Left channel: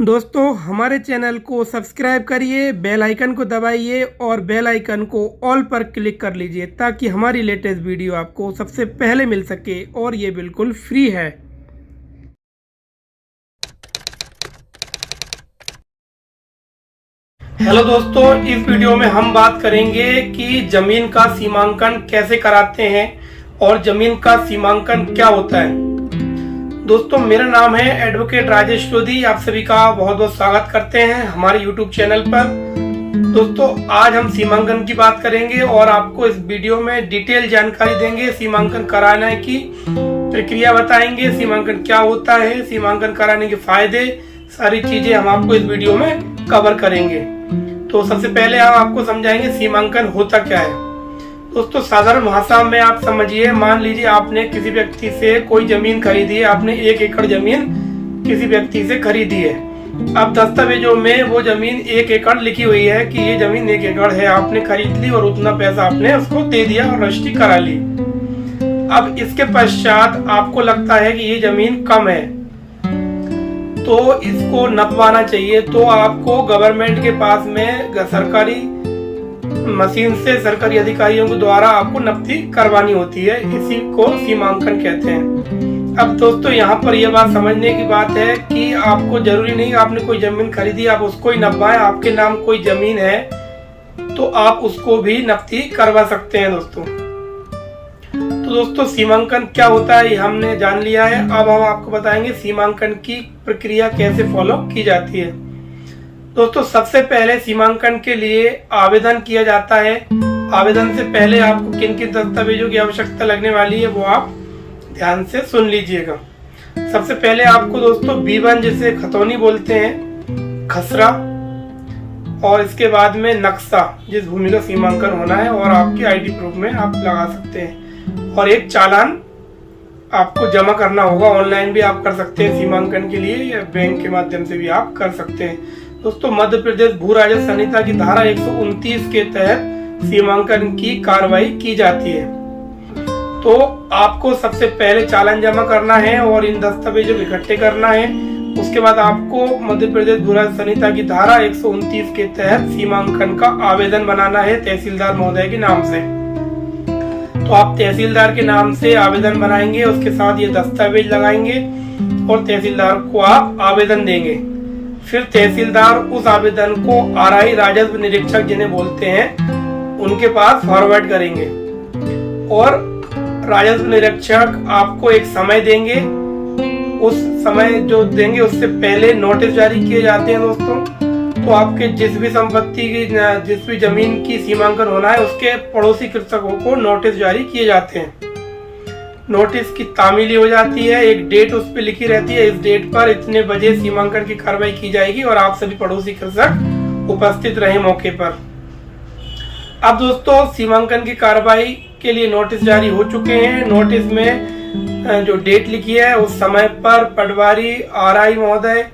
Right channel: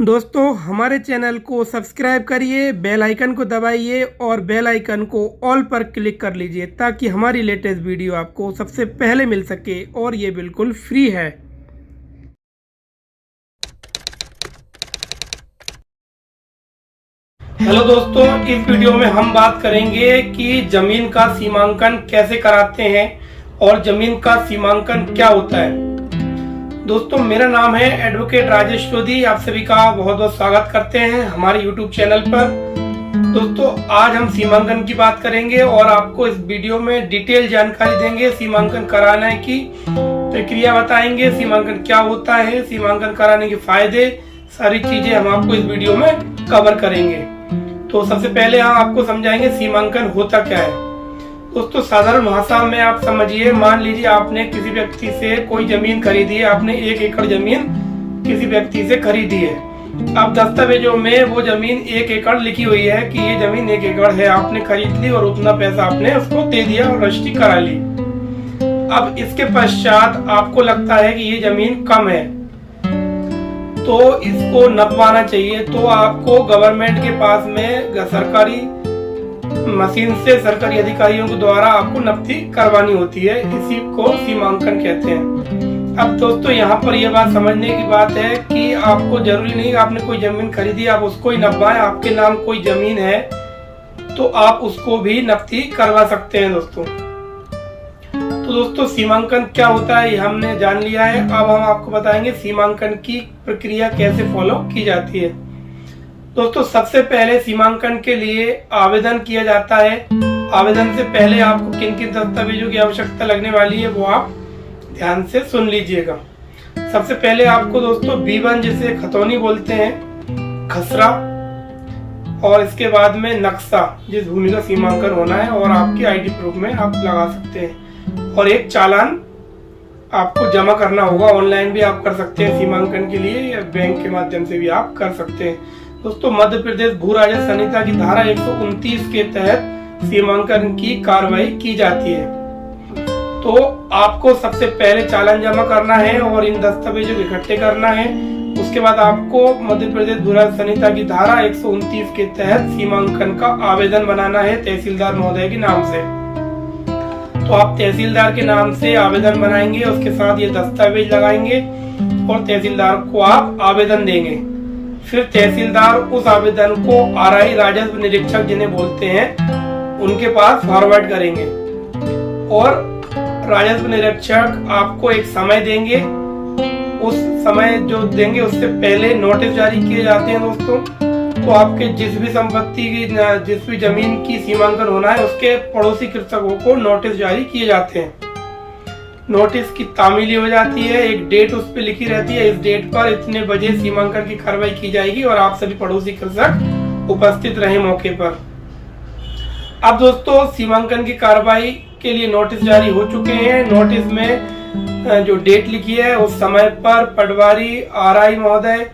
दोस्तों हमारे चैनल को सब्सक्राइब करिए, बेल आइकन को दबाइए और बेल आइकन को ऑल पर क्लिक कर लीजिए ताकि हमारी लेटेस्ट वीडियो आपको सबसे पहले मिल सके और ये बिल्कुल फ्री है। हेलो दोस्तों, इस वीडियो में हम बात करेंगे कि जमीन का सीमांकन कैसे कराते हैं और जमीन का सीमांकन क्या होता है। दोस्तों मेरा नाम है एडवोकेट राजेश सोधी। आप सभी का बहुत बहुत स्वागत करते हैं हमारे यूट्यूब चैनल पर। दोस्तों आज हम सीमांकन की बात करेंगे और आपको इस वीडियो में डिटेल जानकारी देंगे। सीमांकन कराने की प्रक्रिया बताएंगे, सीमांकन क्या होता है, सीमांकन कराने के फायदे, सारी चीजें हम आपको इस वीडियो में कवर करेंगे। तो सबसे पहले हम आपको समझाएंगे सीमांकन होता क्या है। दोस्तों साधारण भाषा में आप समझिए, मान लीजिए आपने किसी व्यक्ति से कोई जमीन खरीदी है, आपने 1 एकड़ जमीन किसी व्यक्ति से खरीदी है। अब दस्तावेजों में वो जमीन 1 एकड़ लिखी हुई है कि ये जमीन 1 एकड़ है, आपने खरीद ली और उतना पैसा आपने उसको दे दिया और रजिस्ट्री करा ली। अब इसके पश्चात आपको लगता है कि ये जमीन कम है तो इसको नपवाना चाहिए, तो आपको गवर्नमेंट के पास में सरकारी मशीन से सरकारी अधिकारियों के द्वारा आपको नपती करवानी होती है। इसी को सीमांकन कहते हैं। अब दोस्तों यहाँ पर यह बात समझने की बात है कि आपको जरूरी नहीं आपने कोई जमीन खरीदी आप उसको ही नपवाएं। आपके नाम कोई जमीन है तो आप उसको भी नपती करवा सकते हैं। दोस्तों सीमांकन क्या होता है ये हमने जान लिया है। अब हम आपको बताएंगे सीमांकन की प्रक्रिया कैसे फॉलो की जाती है। दोस्तों सबसे पहले सीमांकन के लिए आवेदन किया जाता है। आवेदन से पहले आपको किन किन दस्तावेजों की आवश्यकता लगने वाली है वो आप ध्यान से सुन लीजिएगा। सबसे पहले आपको दोस्तों B1 जिसे खतौनी बोलते हैं, खसरा, और इसके बाद में नक्शा जिस भूमि का सीमांकन होना है, और आपकी ID प्रूफ में आप लगा सकते हैं, और एक चालान आपको जमा करना होगा। ऑनलाइन भी आप कर सकते हैं सीमांकन के लिए, या बैंक के माध्यम से भी आप कर सकते हैं। दोस्तों मध्य प्रदेश भू राजस्व संहिता की धारा 129 के तहत सीमांकन की कार्रवाई की जाती है। तो आपको सबसे पहले चालान जमा करना है और इन दस्तावेजों को इकट्ठे करना है। उसके बाद आपको मध्य प्रदेश भू राजस्व संहिता की धारा 129 के तहत सीमांकन का आवेदन बनाना है तहसीलदार महोदय के नाम से। तो आप तहसीलदार के नाम से आवेदन बनाएंगे, उसके साथ ये दस्तावेज लगाएंगे और तहसीलदार को आप आवेदन देंगे। फिर तहसीलदार उस आवेदन को RI राजस्व निरीक्षक जिन्हें बोलते हैं उनके पास फॉरवर्ड करेंगे, और राजस्व निरीक्षक आपको एक समय देंगे। उस समय जो देंगे उससे पहले नोटिस जारी किए जाते हैं। दोस्तों तो आपके जिस भी संपत्ति की, जिस भी जमीन की सीमांकन होना है उसके पड़ोसी कृषकों को नोटिस जारी किए जाते हैं। नोटिस की तामीली हो जाती है, एक डेट उस पे लिखी रहती है, इस डेट पर इतने बजे सीमांकन की कार्रवाई की जाएगी और आप सभी पड़ोसी कृषक उपस्थित रहे मौके पर। अब दोस्तों सीमांकन की कार्रवाई के लिए नोटिस जारी हो चुके हैं। नोटिस में जो डेट लिखी है उस समय पर पटवारी RI महोदय,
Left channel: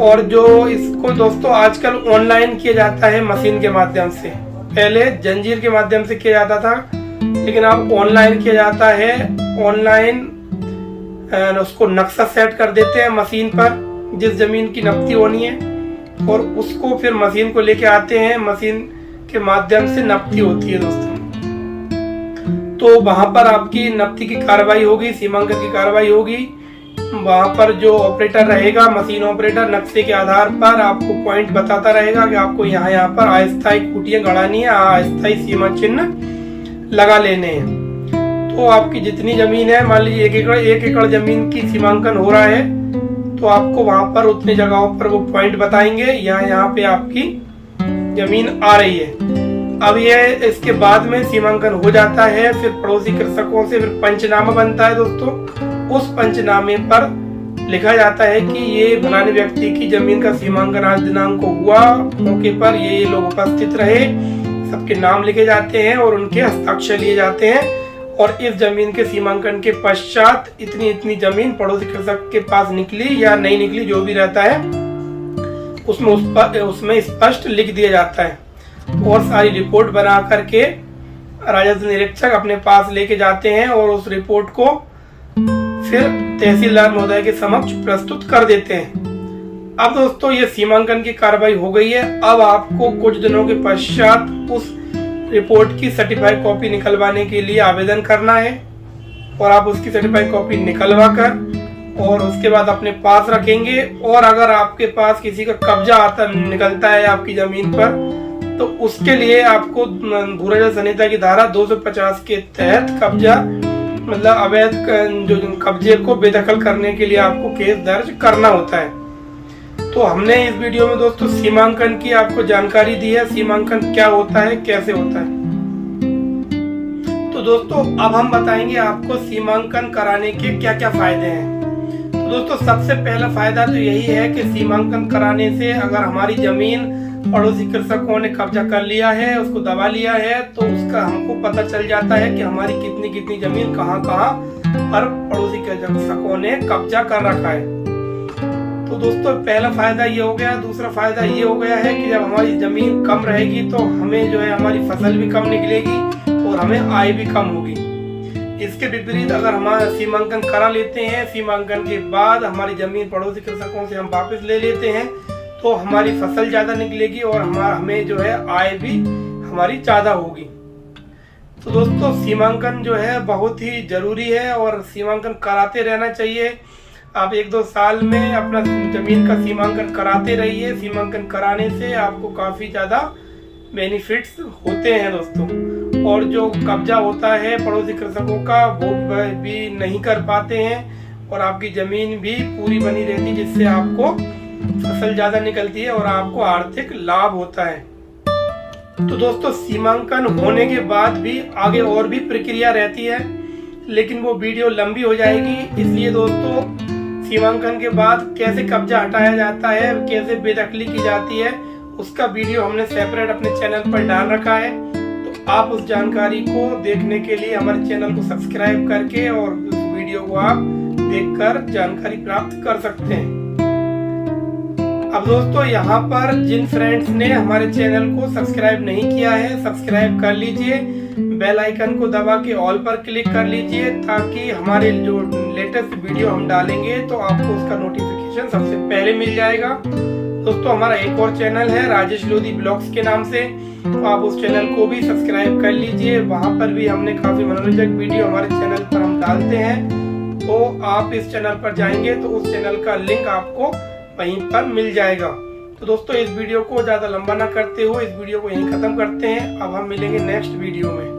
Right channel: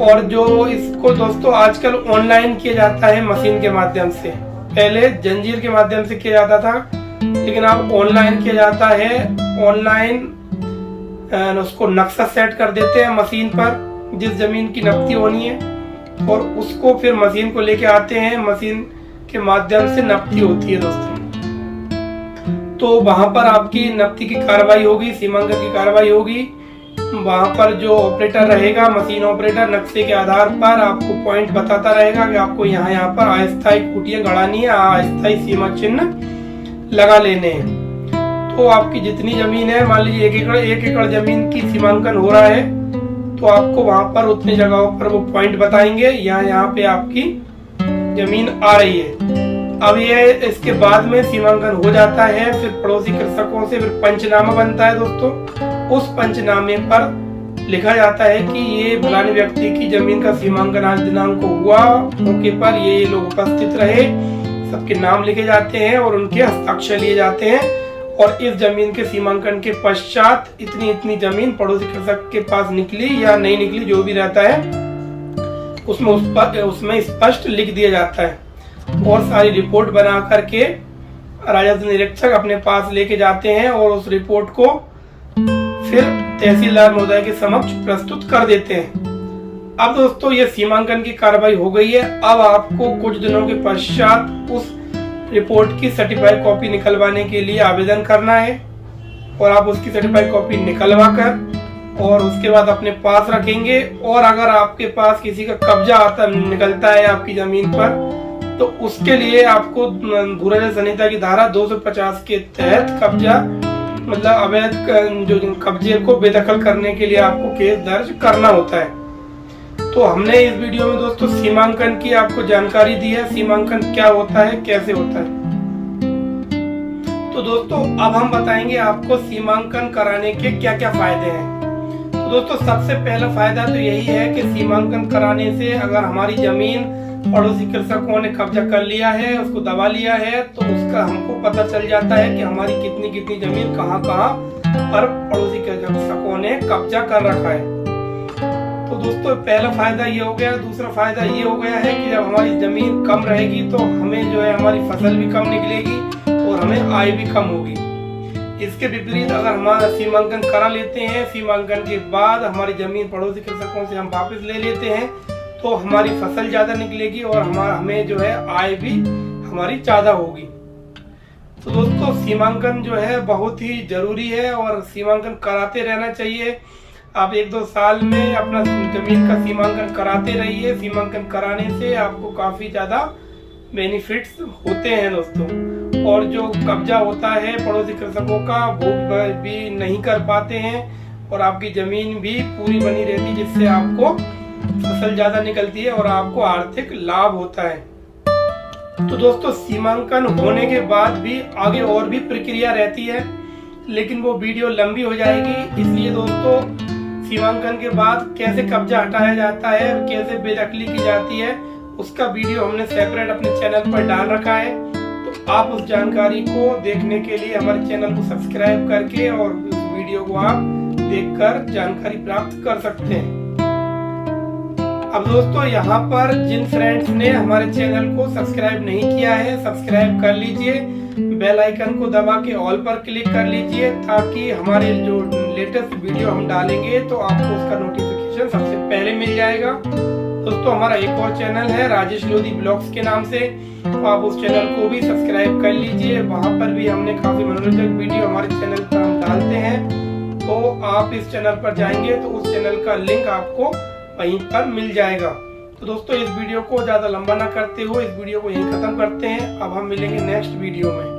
और जो इसको दोस्तों आजकल ऑनलाइन किया जाता है मशीन के माध्यम से। पहले जंजीर के माध्यम से किया जाता था, लेकिन अब ऑनलाइन किया जाता है। ऑनलाइन उसको नक्शा सेट कर देते हैं मशीन पर जिस जमीन की नपती होनी है, और उसको फिर मशीन को लेके आते हैं, मशीन के माध्यम से नपती होती है। दोस्तों तो वहां पर आपकी नपती की कार्रवाई होगी, सीमांकन की कार्रवाई होगी। वहां पर जो ऑपरेटर रहेगा, मशीन ऑपरेटर, नक्शे के आधार पर आपको पॉइंट बताता रहेगा कि आपको यहाँ पर अस्थायी खूंटियां गड़ानी है, अस्थायी सीमा चिन्ह लगा लेने हैं। तो आपकी जितनी जमीन है, मान लीजिए 1 एकड़ जमीन की सीमांकन हो रहा है, तो आपको वहां पर उतनी जगहों पर वो पॉइंट बताएंगे, यहाँ पे आपकी जमीन आ रही है। अब ये इसके बाद में सीमांकन हो जाता है, फिर पड़ोसी कृषकों से फिर पंचनामा बनता है। दोस्तों उस पंचनामे पर लिखा जाता है कि ये फलाने व्यक्ति की जमीन का सीमांकन आज दिनांक को हुआ, मौके पर ये लोग उपस्थित रहे, सबके नाम लिखे जाते हैं और उनके हस्ताक्षर लिए जाते हैं। और इस जमीन के सीमांकन के पश्चात इतनी इतनी जमीन पड़ोसी कृषक के पास निकली या नहीं निकली, जो भी रहता है उसमें स्पष्ट लिख दिया जाता है, और सारी रिपोर्ट बना करके राजस्व निरीक्षक अपने पास लेके जाते हैं और उस रिपोर्ट को फिर तहसीलदार महोदय के समक्ष प्रस्तुत कर देते हैं। अब दोस्तों ये सीमांकन की कार्रवाई हो गई है। अब आपको कुछ दिनों के पश्चात उस रिपोर्ट की सर्टिफाइड कॉपी निकलवाने के लिए आवेदन करना है और आप उसकी सर्टिफाइड कॉपी निकलवा कर और उसके बाद अपने पास रखेंगे। और अगर आपके पास किसी का कब्जा निकलता है आपकी जमीन पर, तो उसके लिए आपको भूराजल संहिता की धारा 250 के तहत कब्जा मतलब अवैध जो कब्जे को बेदखल करने के लिए आपको केस दर्ज करना होता है। तो हमने इस वीडियो में दोस्तों सीमांकन की आपको जानकारी दी है, सीमांकन क्या होता है, कैसे होता है। तो दोस्तों अब हम बताएंगे आपको सीमांकन कराने के क्या क्या फायदे हैं। तो दोस्तों सबसे पहला फायदा तो यही है कि सीमांकन कराने से अगर हमारी जमीन पड़ोसी कृषकों ने कब्जा कर लिया है, उसको दबा लिया है, तो उसका हमको पता चल जाता है कि हमारी कितनी कितनी जमीन कहाँ कहाँ पर पड़ोसी कृषकों ने कब्जा कर रखा है। तो दोस्तों पहला फायदा ये हो गया। दूसरा फायदा ये हो गया है कि जब हमारी जमीन कम रहेगी तो हमें जो है हमारी फसल भी कम निकलेगी और हमें आय भी कम होगी। इसके विपरीत अगर हम सीमांकन करा लेते हैं, सीमांकन के बाद हमारी जमीन पड़ोसी कृषकों से हम वापस ले लेते हैं, तो हमारी फसल ज्यादा निकलेगी और हमें जो है आय भी हमारी ज्यादा होगी। तो दोस्तों सीमांकन जो है बहुत ही जरूरी है और सीमांकन कराते रहना चाहिए। आप 1-2 साल में अपना जमीन का सीमांकन कराते रहिए। सीमांकन कराने से आपको काफी ज्यादा बेनिफिट्स होते हैं दोस्तों। और जो कब्जा होता है पड़ोसी कृषकों का वो भी नहीं कर पाते हैं और आपकी जमीन भी पूरी बनी रहती है, जिससे आपको फसल ज्यादा निकलती है और आपको आर्थिक लाभ होता है। तो दोस्तों सीमांकन होने के बाद भी आगे और भी प्रक्रिया रहती है, लेकिन वो वीडियो लंबी हो जाएगी। इसलिए दोस्तों सीमांकन के बाद कैसे कब्जा हटाया जाता है, कैसे बेदखली की जाती है, उसका वीडियो हमने सेपरेट अपने चैनल पर डाल रखा है। तो आप उस जानकारी को देखने के लिए हमारे चैनल को सब्सक्राइब करके और उस वीडियो को आप देखकर जानकारी प्राप्त कर सकते हैं। अब दोस्तों यहाँ पर जिन फ्रेंड्स ने हमारे चैनल को सब्सक्राइब नहीं किया है, सब्सक्राइब कर लीजिए। बेल आइकन को दबा के ऑल पर क्लिक कर लीजिए ताकि हमारे जो लेटेस्ट वीडियो हम डालेंगे तो आपको उसका नोटिफिकेशन सबसे पहले मिल जाएगा। दोस्तों हमारा एक और चैनल है राजेश लोधी ब्लॉग्स के नाम से, तो आप उस चैनल को भी सब्सक्राइब कर लीजिए। वहाँ पर भी हमने काफी मनोरंजक वीडियो हमारे चैनल पर हम डालते हैं। तो आप इस चैनल पर जाएंगे तो उस चैनल का लिंक आपको वहीं पर मिल जाएगा। तो दोस्तों इस वीडियो को ज्यादा लंबा ना करते हुए इस वीडियो को यहीं खत्म करते हैं। अब हम मिलेंगे नेक्स्ट वीडियो में।